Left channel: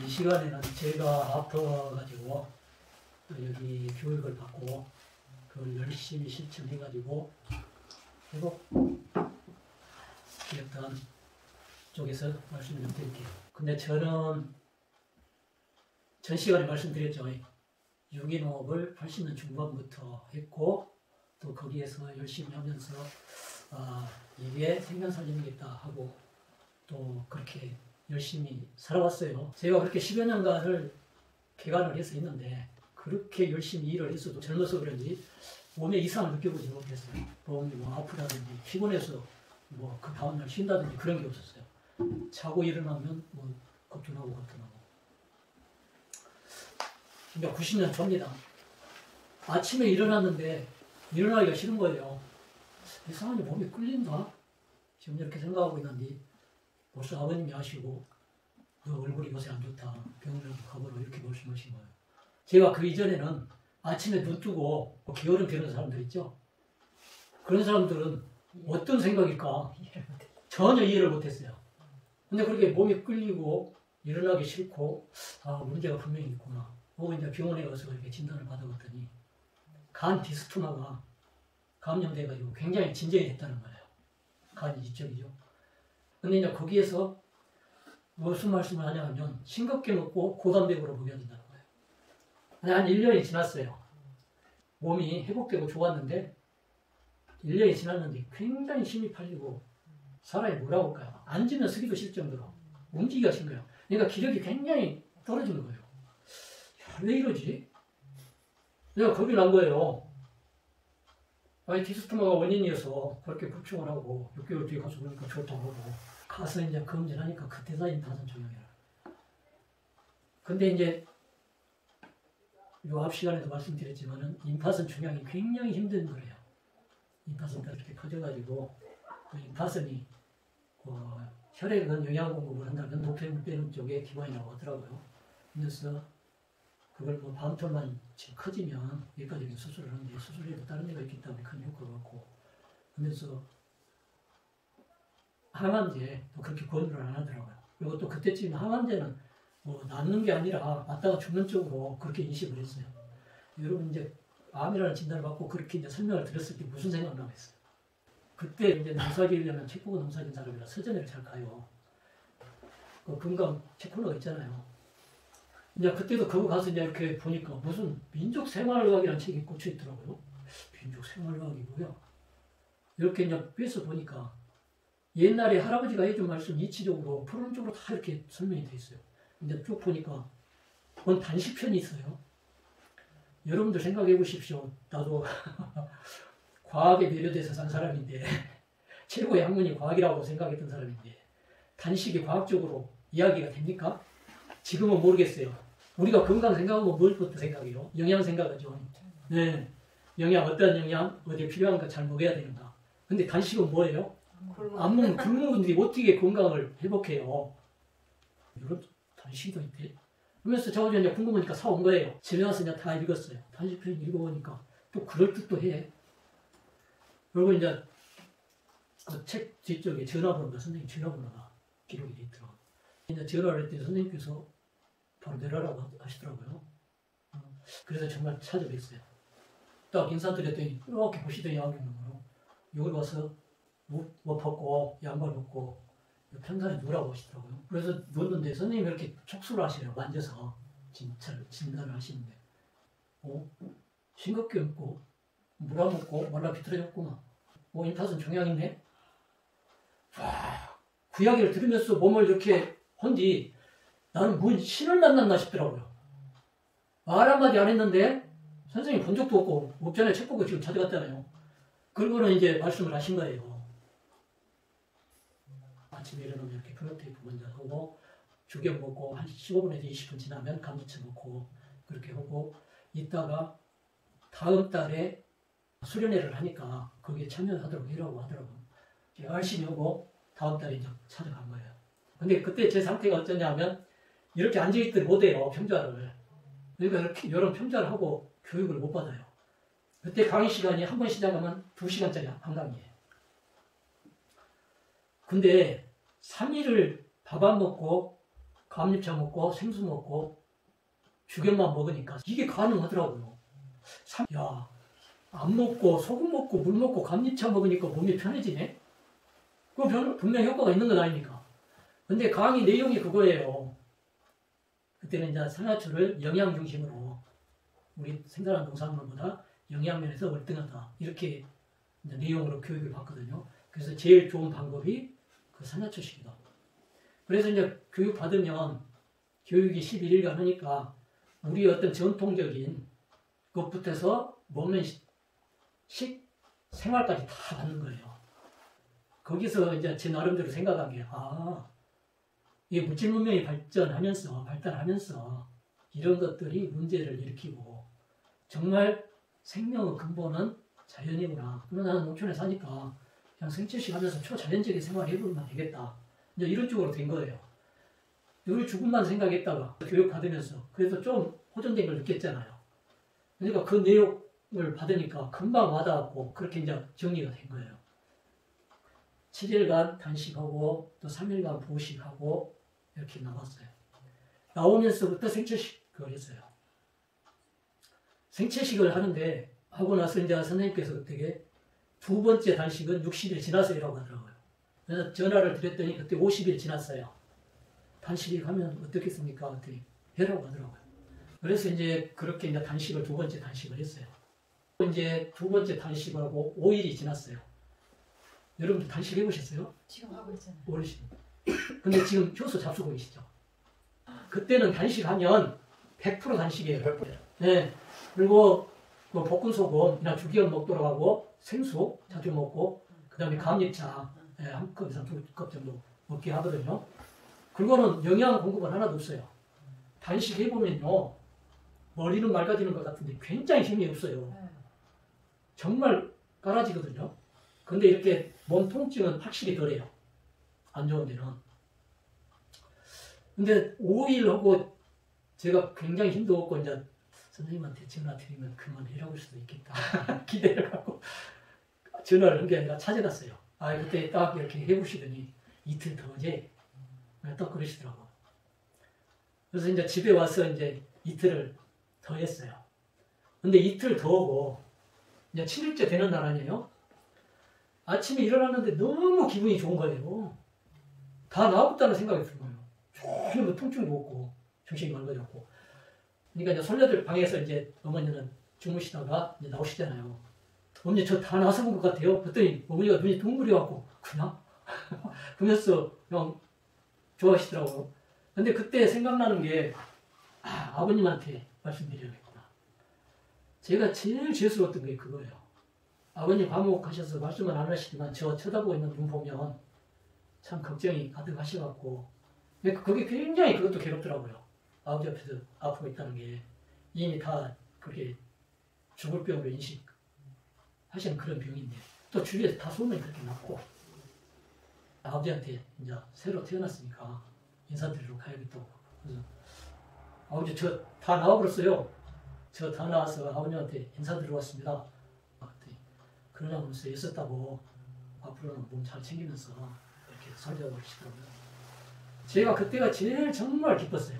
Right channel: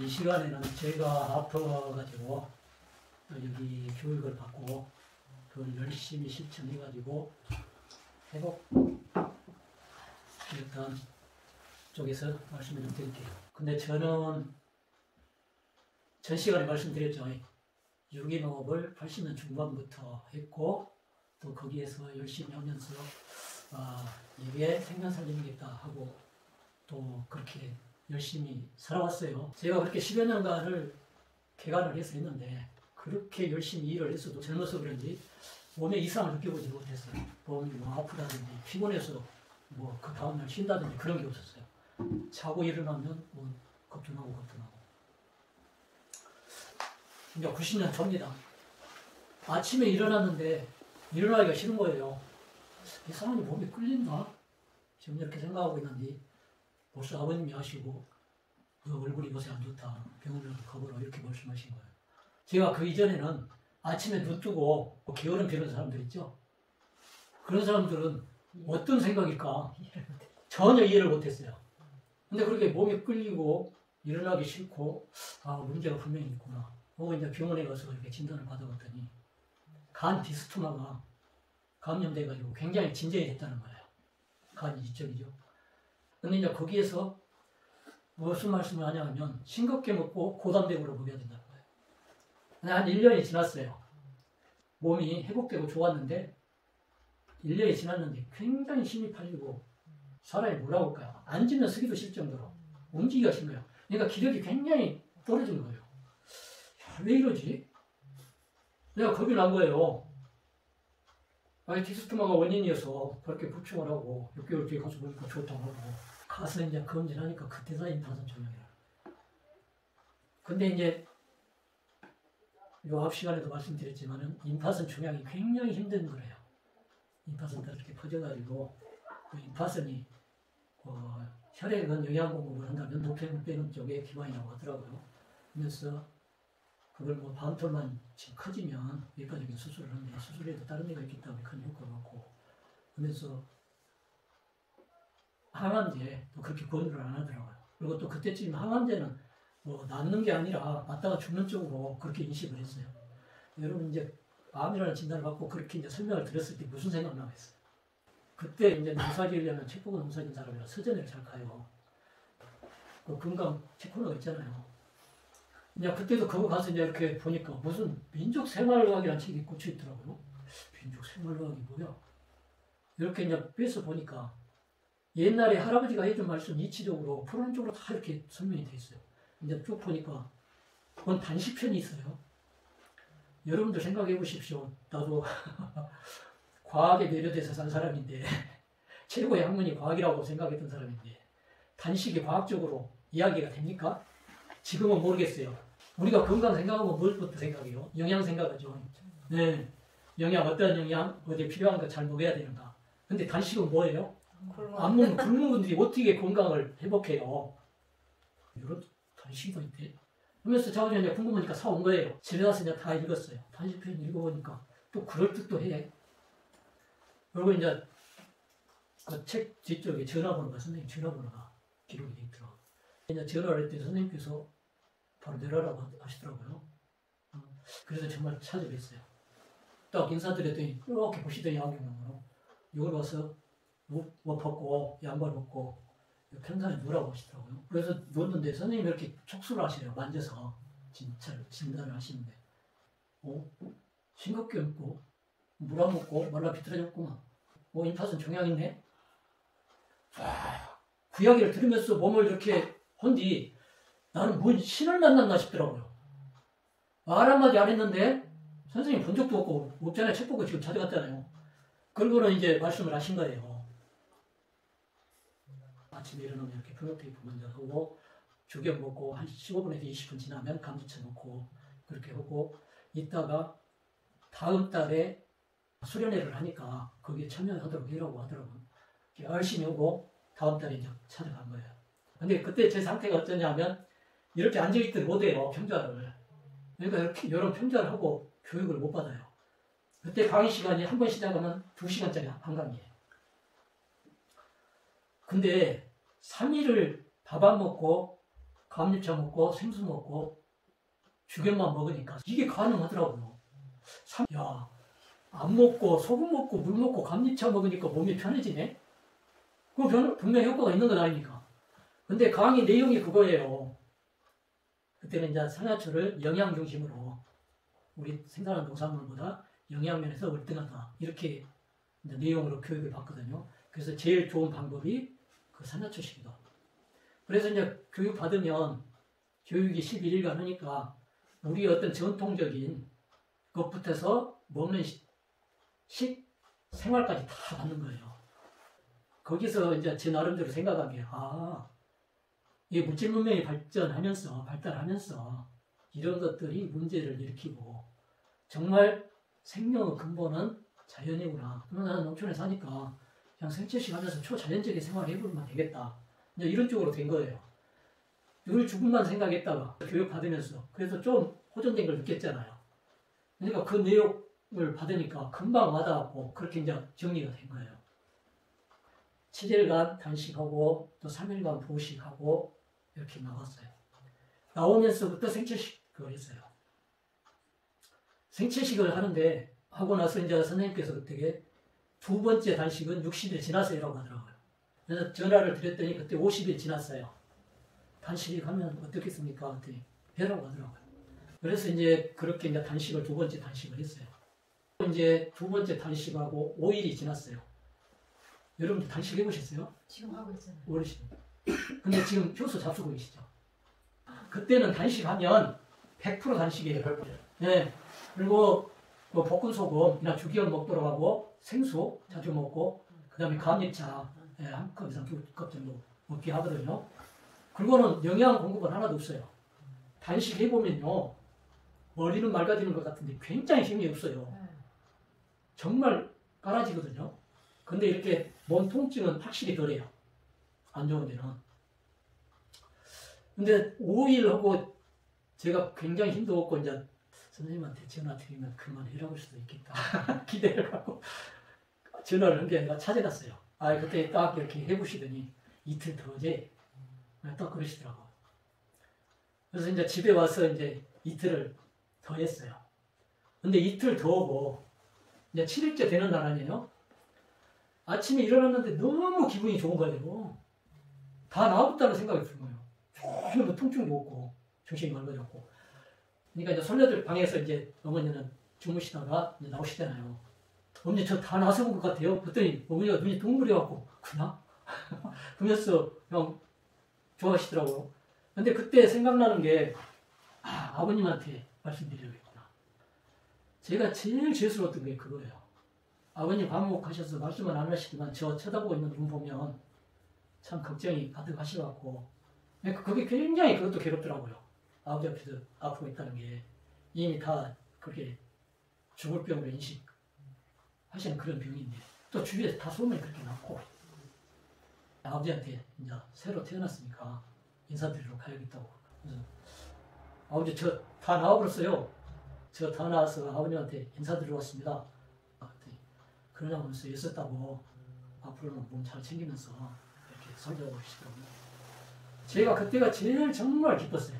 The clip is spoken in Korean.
이 시간에는 제가 아파가지고 또 여기 교육을 받고 그걸 열심히 실천해가지고 회복했던 쪽에서 말씀을 좀 드릴게요. 근데 저는 전 시간에 말씀드렸죠. 유기농업을 80년 중반부터 했고 또 거기에서 열심히 하면서 이게 생명살림이겠다 하고 또 그렇게 열심히 살아왔어요. 제가 그렇게 10여 년간을 개간을 해서 했는데 그렇게 열심히 일을 했어도 젊어서 그런지 몸에 이상을 느껴보지 못했어요. 몸이 뭐 아프다든지 피곤해서 뭐 그 다음날 쉰다든지 그런 게 없었어요. 자고 일어나면 뭐 거뜬하고. 이제 90년 전입니다. 아침에 일어났는데 일어나기가 싫은 거예요. 이상하게 몸이 끌린다? 지금 이렇게 생각하고 있는데 벌써 아버님이 아시고 너 얼굴이 요새 안 좋다. 병원이라도 가보라 이렇게 말씀하신 거예요. 제가 그 이전에는 아침에 눈 뜨고 게으름 피우는 사람들 있죠. 그런 사람들은 어떤 생각일까 전혀 이해를 못했어요. 근데 그렇게 몸이 끌리고 일어나기 싫고 문제가 분명히 있구나. 혹은 이제 병원에 가서 이렇게 진단을 받아봤더니 간 디스토마가 감염돼가지고 굉장히 진전이 됐다는 거예요. 간이 이쪽이죠. 근데 이제 거기에서 무슨 말씀을 하냐면 싱겁게 먹고 고단백으로 먹여야 된다는 거예요. 한 1년이 지났어요. 몸이 회복되고 좋았는데 1년이 지났는데 굉장히 힘이 팔리고 사람이 뭐라고 할까요? 앉으면 서기도 싫을 정도로 움직이기가 싫은 거예요. 그러니까 기력이 굉장히 떨어지는 거예요. 왜 이러지? 내가 겁이 난 거예요. 디스토마가 원인이어서 그렇게 부충을 하고 6개월 뒤에 가서 보니까 좋다고 하고 가서 이제 검진하니까 그때다 임파선 종양이라. 근데 이제 요 앞 시간에도 말씀드렸지만은 임파선 종양이 굉장히 힘든 거래요. 임파선도 이렇게 퍼져가지고 그 임파선이 혈액에 영양 공급을 한다면 노폐물 빼는 쪽에 기관이라고 하더라고요. 그래서 그걸 뭐 밤톨만 지금 커지면 여기까지 수술을 하는데 수술해도 다른 데가 있기 때문에 큰 효과가 없고 그러면서 항암제 또 그렇게 권유를 안 하더라고요. 그리고 또 그때쯤 항암제는 뭐 낫는 게 아니라 맞다가 죽는 쪽으로 그렇게 인식을 했어요. 여러분 이제 암이라는 진단을 받고 그렇게 이제 설명을 드렸을 때 무슨 생각 나겠어요? 그때 이제 농사 지으려면 책 보고 농사 지은 사람이라 서점을 잘 가요. 그 금강 책 코너가 있잖아요. 이제 그때도 그거 가서 이제 이렇게 보니까 무슨 민족생활의학이라는 책이 꽂혀 있더라고요. 민족생활의학이 뭐야? 이렇게 이제 빼서 보니까 옛날에 할아버지가 해준 말씀 이치적으로 풀어쪽으로 다 이렇게 설명이 돼 있어요. 이제 쭉 보니까 그건 단시편이 있어요. 여러분도 생각해 보십시오. 나도 과학에 매료돼서 산 사람인데 최고의 학문이 과학이라고 생각했던 사람인데 단식이 과학적으로 이야기가 됩니까? 지금은 모르겠어요. 우리가 건강 생각하면 뭘부터 생각해요? 영양 생각하죠. 네. 영양, 어떤 영양, 어디에 필요한 거 잘 먹어야 되는가. 근데 단식은 뭐예요? 안 먹는 굶는 분들이 어떻게 건강을 회복해요? 이런 단식이 더 있대. 그러면서 저 이제 궁금하니까 사온 거예요. 집에 와서 이제 다 읽었어요. 단식편 읽어보니까 또 그럴듯도 해. 그리고 이제 그 책 뒤쪽에 전화번호가 선생님 전화번호가 기록이 돼 있더라고요. 이제 전화를 했더니 선생님께서 바로 내려라고 하시더라고요. 그래서 정말 찾아뵀어요. 딱 인사드렸더니 이렇게 보시더니 야구있는 이걸 와서 옷 벗고 양말 벗고 평상에 누라고 하시더라고요. 그래서 누웠는데 선생님이 이렇게 촉수를 하시래요. 만져서 진짜 진단을 하시는데 싱겁게 먹고 물 안 먹고 말라 비틀어졌구나. 임파선 종양 있네. 와, 그 이야기를 들으면서 몸을 이렇게 혼지 나는 뭔 신을 만났나 싶더라고요. 말 한마디 안 했는데 선생님 본 적도 없고 없잖아요. 책 보고 지금 찾아갔잖아요. 그러고는 이제 말씀을 하신 거예요. 아침에 일어나면 이렇게 플로테이프 먼저 하고 죽여 먹고 한 15분에서 20분 지나면 감지쳐 먹고 그렇게 하고 있다가 다음 달에 수련회를 하니까 거기에 참여하도록 해라고 하더라고요. 열심히 하고 다음 달에 이제 찾아간 거예요. 근데 그때 제 상태가 어쩌냐면 이렇게 앉아있들 못해요. 평자를. 그러니까 이렇게 여러 평자를 하고 교육을 못 받아요. 그때 강의 시간이 한 번 시작하면 2시간짜리 한 강의예요. 근데 3일을 밥 안 먹고 감잎차 먹고 생수 먹고 죽연만 먹으니까 이게 가능하더라고요. 야, 안 먹고 소금 먹고 물 먹고 감잎차 먹으니까 몸이 편해지네? 그거 분명히 효과가 있는 건 아닙니까? 근데 강의 내용이 그거예요. 그때는 이제 산화초를 영양 중심으로 우리 생산하는 농산물보다 영양면에서 월등하다. 이렇게 이제 내용으로 교육을 받거든요. 그래서 제일 좋은 방법이 그 산화초식이다. 그래서 이제 교육 받으면 교육이 11일간 하니까 우리 어떤 전통적인 것부터서 먹는 생활까지 다 받는 거예요. 거기서 이제 제 나름대로 생각한 게, 이게 물질 문명이 발달하면서 이런 것들이 문제를 일으키고 정말 생명의 근본은 자연이구나. 그러나 나는 농촌에 사니까 그냥 생채식 하면서 초자연적인 생활을 해보면 되겠다. 이제 이런 쪽으로 된 거예요. 우리 죽음만 생각했다가 교육 받으면서 그래서 좀 호전된 걸 느꼈잖아요. 그러니까 그 내용을 받으니까 금방 와닿았고 그렇게 이제 정리가 된 거예요. 7일간 단식하고 또 3일간 보식하고 이렇게 나왔어요. 나오면서부터 생채식을 했어요. 생채식을 하고 나서 이제 선생님께서 되게 두 번째 단식은 60일 지나서라고 하더라고요. 그래서 전화를 드렸더니 그때 50일 지났어요. 단식을 하면 어떻겠습니까? 그랬더니 해라고 하더라고요. 그래서 이제 그렇게 이제 두 번째 단식을 했어요. 이제 두 번째 단식하고 5일이 지났어요. 여러분들 단식 해보셨어요? 지금 하고 있잖아요. 어르신. 근데 지금 효소 잡수고 계시죠? 그때는 단식하면 100% 단식이에요. 네. 그리고 뭐 볶음소금이나 죽이온 먹도록 하고 생수 자주 먹고 그 다음에 감잎차 한 컵 이상 2컵 정도 먹게 하거든요. 그거는 영양 공급은 하나도 없어요. 단식 해보면요. 머리는 맑아지는 것 같은데 굉장히 힘이 없어요. 정말 깔아지거든요. 근데 이렇게 몸 통증은 확실히 덜해요. 안 좋은 데는. 근데 5일 하고 제가 굉장히 힘도 없고 이제 선생님한테 전화 드리면 그만해라고 할 수도 있겠다. 기대를 갖고 전화를 한 게 아니라 찾아갔어요. 그때 딱 이렇게 해보시더니 이틀 더 재. 딱 그러시더라고요. 그래서 이제 집에 와서 이제 이틀을 더 했어요. 근데 이틀 더 하고 이제 7일째 되는 날 아니에요? 아침에 일어났는데 너무 기분이 좋은 거예요. 다 나아졌다는 생각이 드는 거예요. 전혀 뭐 통증도 없고 정신이 맑아졌고. 그러니까 이제 손녀들 방에서 이제 어머니는 주무시다가 이제 나오시잖아요. 어머니 저 다 나아서 본 것 같아요. 그랬더니 어머니가 눈이 둥그려갖고 그냥? 그러면서 그냥 좋아하시더라고요. 근데 그때 생각나는 게 아버님한테 말씀드려야겠구나. 제가 제일 죄스러웠던 게 그거예요. 아버님 감옥하셔서 말씀은 안 하시지만 저 쳐다보고 있는 눈 보면 참 걱정이 가득하셔갖고 그게 굉장히 그것도 괴롭더라고요. 아버지 앞에서 아프고 있다는 게 이미 다 그렇게 죽을 병으로 인식하시는 그런 병인데 또 주위에서 다 소문이 그렇게 났고 아버지한테 이제 새로 태어났으니까 인사드리러 가야겠다고. 그래서 아버지 저 다 나와버렸어요. 저 다 나와서 아버님한테 인사드리러 왔습니다. 그러냐면서 애썼다고 앞으로는 몸 잘 챙기면서 이렇게 살자고 그러시더라고요. 제가 그때가 제일 정말 기뻤어요.